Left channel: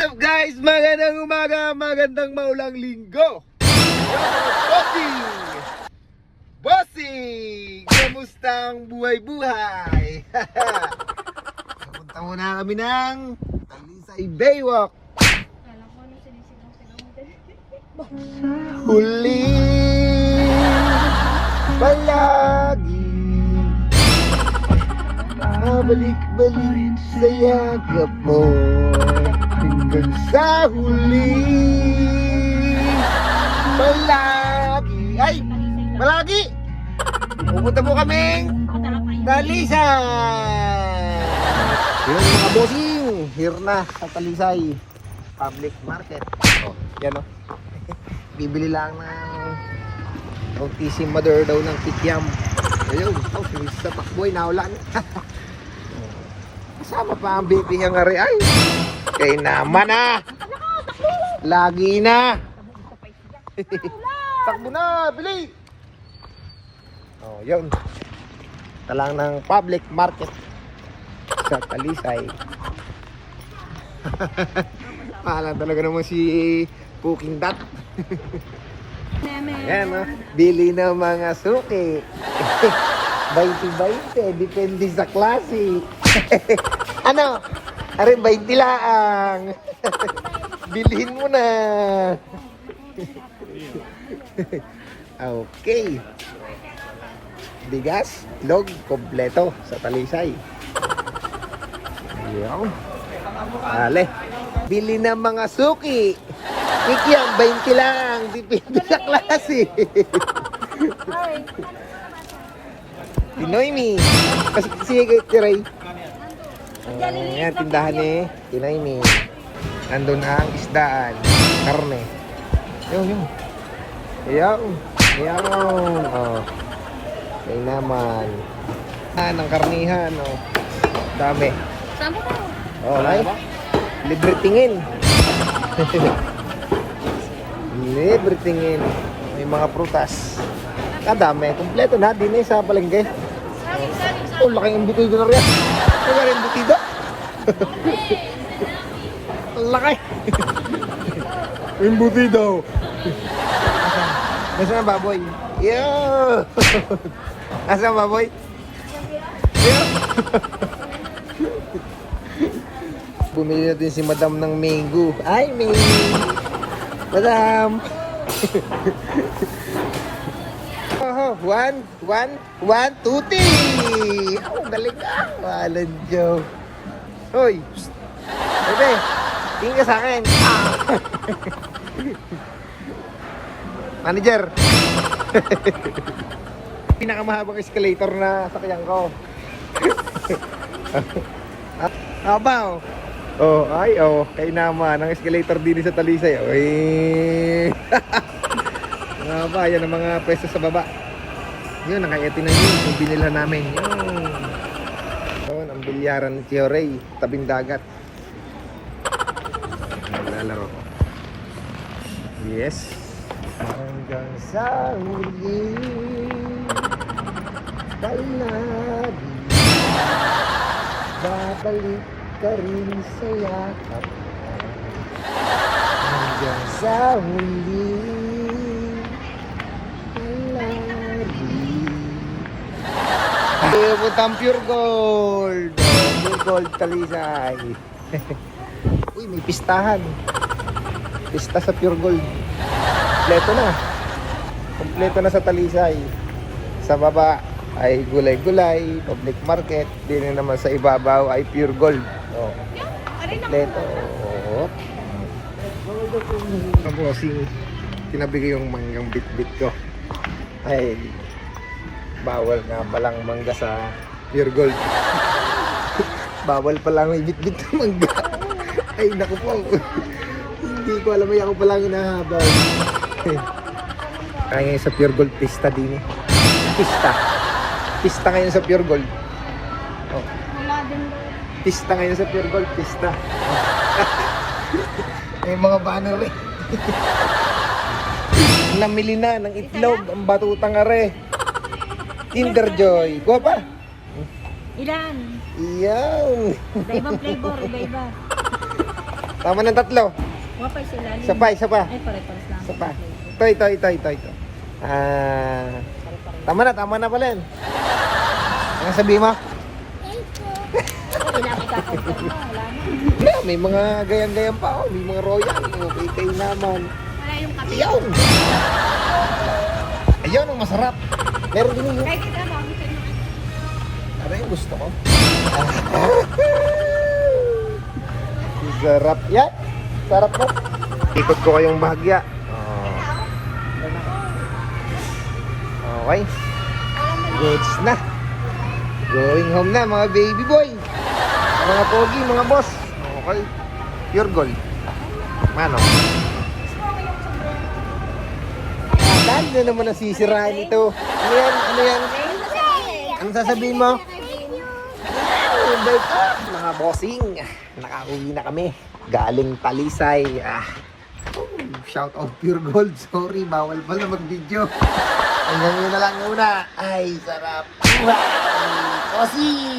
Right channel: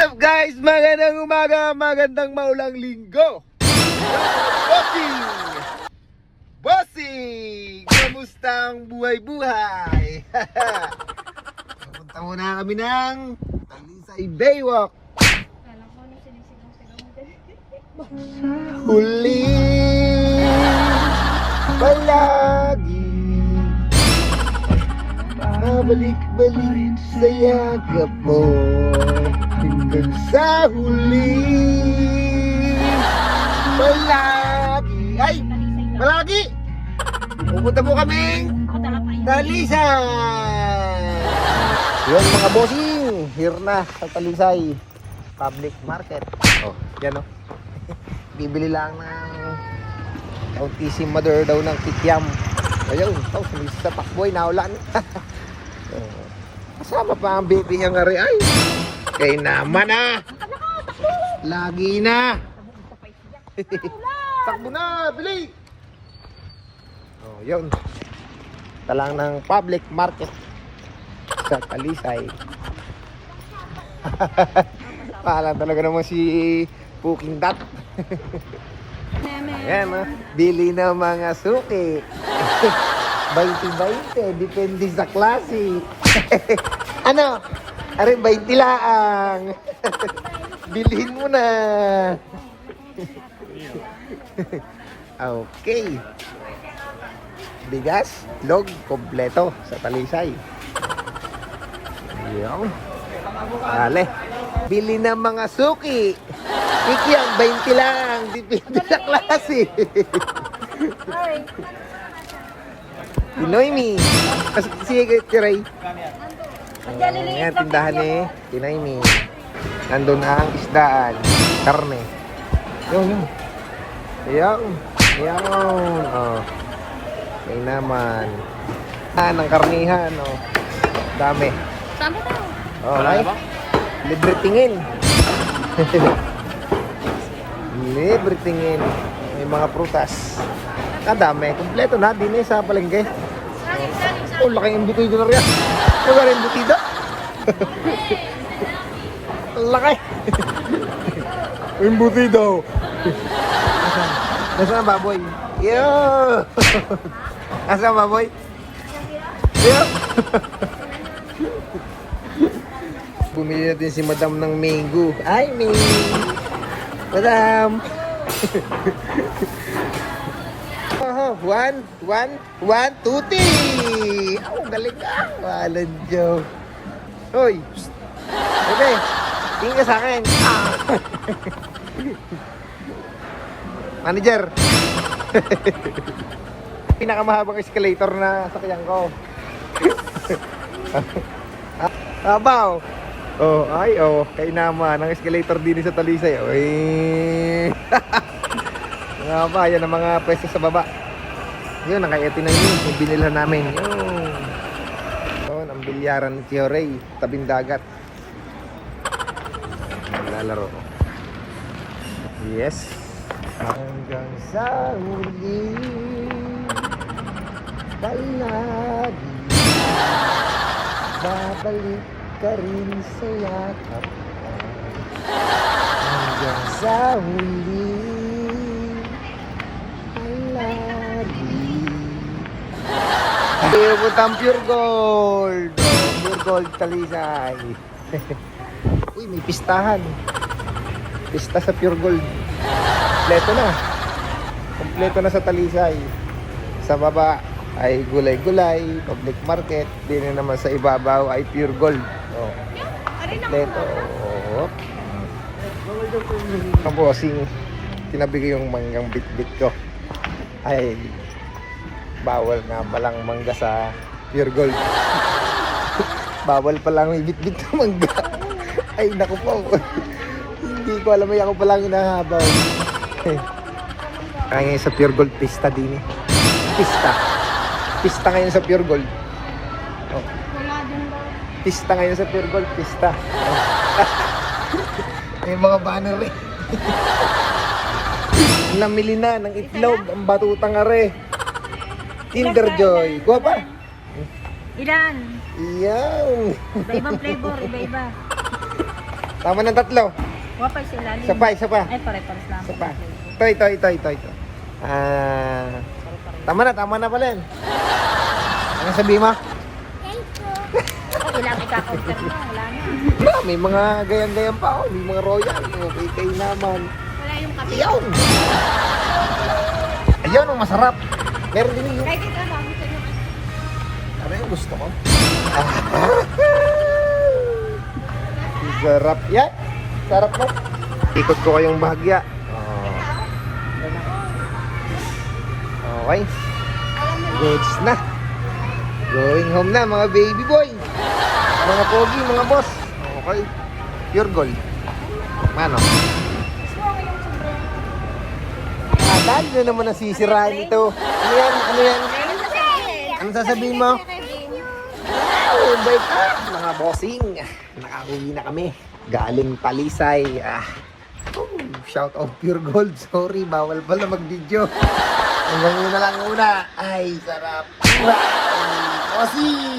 What's up guys? Magandang umaga, magandang maulang linggo. Bossing! Bossing! Kamusta ang buhay-buhay? Punta muna kami ng Talisay Baywalk. Huli palagi babalik-balik sa yakap mo hanggang sa huli palagi. Ay! Palagi! Pupunta po kaming Talisay! Yan mga bossing, here na sa Talisay Public Market. Oh, yan o. Bibili lang ng autism mother daw ng kikiam. Ayun, oh, sumis sa pakboy, naulan. Kasama pa ang baby niya nga rin. Ay, kaya naman ah. Lagi na. Takbo na, bili. Oh, yun. Talang ng public market sa Talisay. Pahalan talaga naman si Puking Dat. Ayan o, bili ng mga suki. 20-20, depende sa klase. Ano? Arin 20 lang. Bilhin mo na. Okay. Bigas, log, kompleto sa Talisay. Ayan. Dale. Bili ng mga suki. Iki ang 20 lang, depende sa klase. Pinoy mi. Kasi sige Ray. Ayan, tindahan eh. Pinoy mi. Andun ang isdaan. Karne. Yun. Ayan. Ayan. Oh. Ayan naman. Ang karnihan. Oh. Dami. Dami tayo. Alright. Libre tingin. Libre tingin. May mga prutas. Kadami. Kompleto na. Din sa palengke. Oh, laki yung butido na rin. Laki yung butido. Laki. Yung butido. Nasaan ang baboy? Yo! Nasaan ang baboy? Yo! Bumili natin si Madam ng mango. Ay, mango! Madam! One, two, three! Oh, galing ka! Walang joke. Hoy! Ito! Tingin ka saan? Manager! Pinakamahabang escalator na sa kanyang ko. Abaw! Oh, ay, oh, kay naman ang escalator din sa Talisay. Oy. Nga ba, yan ang mga pwesto sa baba. Yun, nakayati na yun, yung binilhan namin. Yun, ang bilyaran ni Tio Ray, tabing dagat. Naglalaro ko. Yes. Hanggang sa huli, palagi babalik ka rin sa yakap hanggang sa huli palagi. Putang Pure Gold. Pure Gold Talisay. Uy, may pistahan. Pista sa Pure Gold. Kompleto na sa Talisay. Sa baba ay gulay-gulay, public market. Din na naman sa ibabaw ay Pure Gold. Oh. Kompleto. Oh. Ang bossing, tinabigay yung manggang bit-bit ko. Ay, bawal nga palang mangga sa Pure Gold. Bawal palang may bit-bit na mangga. Ay, naku po. Hindi ko alam, ay ako palang hinahabaw. Kaya ngayon sa Pure Gold, pista din eh. Pista ngayon sa Pure Gold. Oh. Pista ngayon sa Pure Gold, pista. May mga banner eh. Namili na ng itlog, ang batutang are. Kinder Joy. Kuha pa. Ilan? Iyaw. Iba-ibang flavor, iba-iba. Tama ng tatlo. Wapay sila. Isa pa, isa pa. Ay, pare-pares lang. Isa pa. Ito. Tama na pala yan. Ano sabihin mo? Ilang ika-compare mo, wala na. May mga gayang-gayang pa ako. May mga royal. Okay naman. Wala yung kape. Ayaw! Ayaw ang masarap. Meron din yun. Kahit ikaw, dami sa inyo. Ano yung gusto ko? Sarap yan. Sarap na. Ikot ko kayong bahagya. Okay. Goods na. Going home na mga baby boy. Mga pogi, mga boss. Okay. Pure gold. Ano? Akala na naman nasisirain ito. Ano yan? Ano yan? Ano sasabihin mo? Oh, bait pa. Mga bossing. Nakauwi na kami. Galing Talisay. Shout out Pure Gold. Sorry, bawal pala mag-video. Hanggang yun na lang muna. Ay, sarap. Bossing!